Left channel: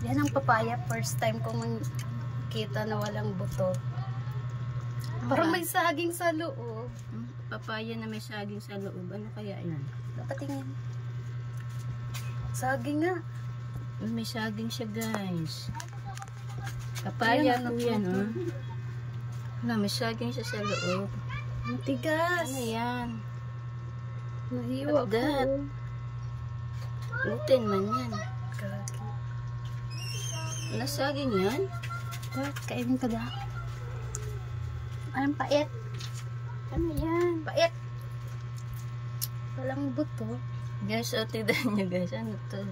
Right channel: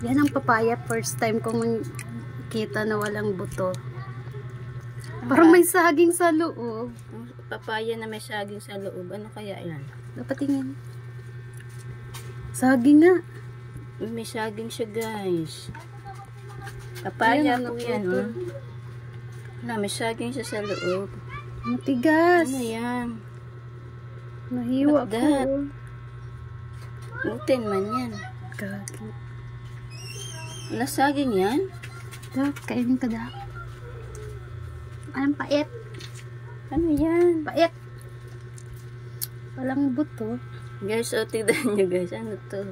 Yan ang papaya. First time kong kita na walang buto. Parang may saging sa loob. Papaya na may saging sa loob. Ano kaya yan? Dapat tingin. Saging nga. May saging siya, guys. Papaya po yan, oh. Na, may saging siya sa loob. Matigas. Ano yan? Nahiwa ko. Gluten man yan. Gagi. Wala saging yan? Kainin ka daw. Anong pait? Ano yan? Pait. Walang buto. Guys, o tignan nyo guys. Ano to?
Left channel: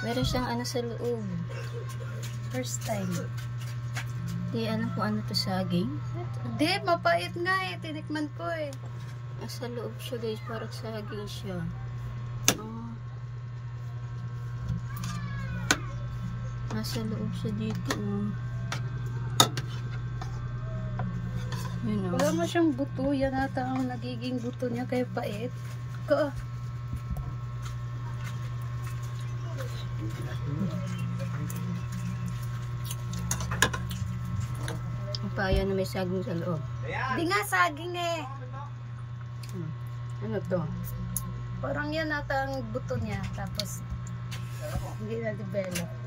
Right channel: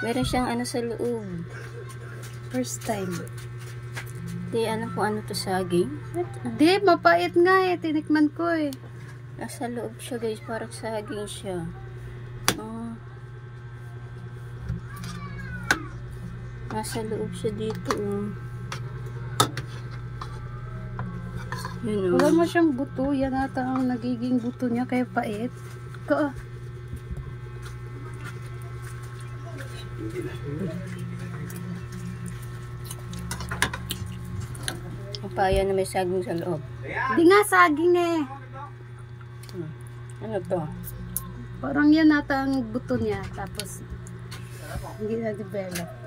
Meron siyang ano sa loob. First time. Di ano kung ano to, saging? Di, mapait nga eh. Tinikman ko eh. Nasa loob siya guys. Parang saging siya. Nasa loob siya dito. Yun, wala mo siyang buto. Yan ata ang nagiging buto niya. Kaya pait. Papaya na may saging sa loob. Di nga saging eh. Ano to? Parang yan ata ang buto niya. Tapos hindi na develop.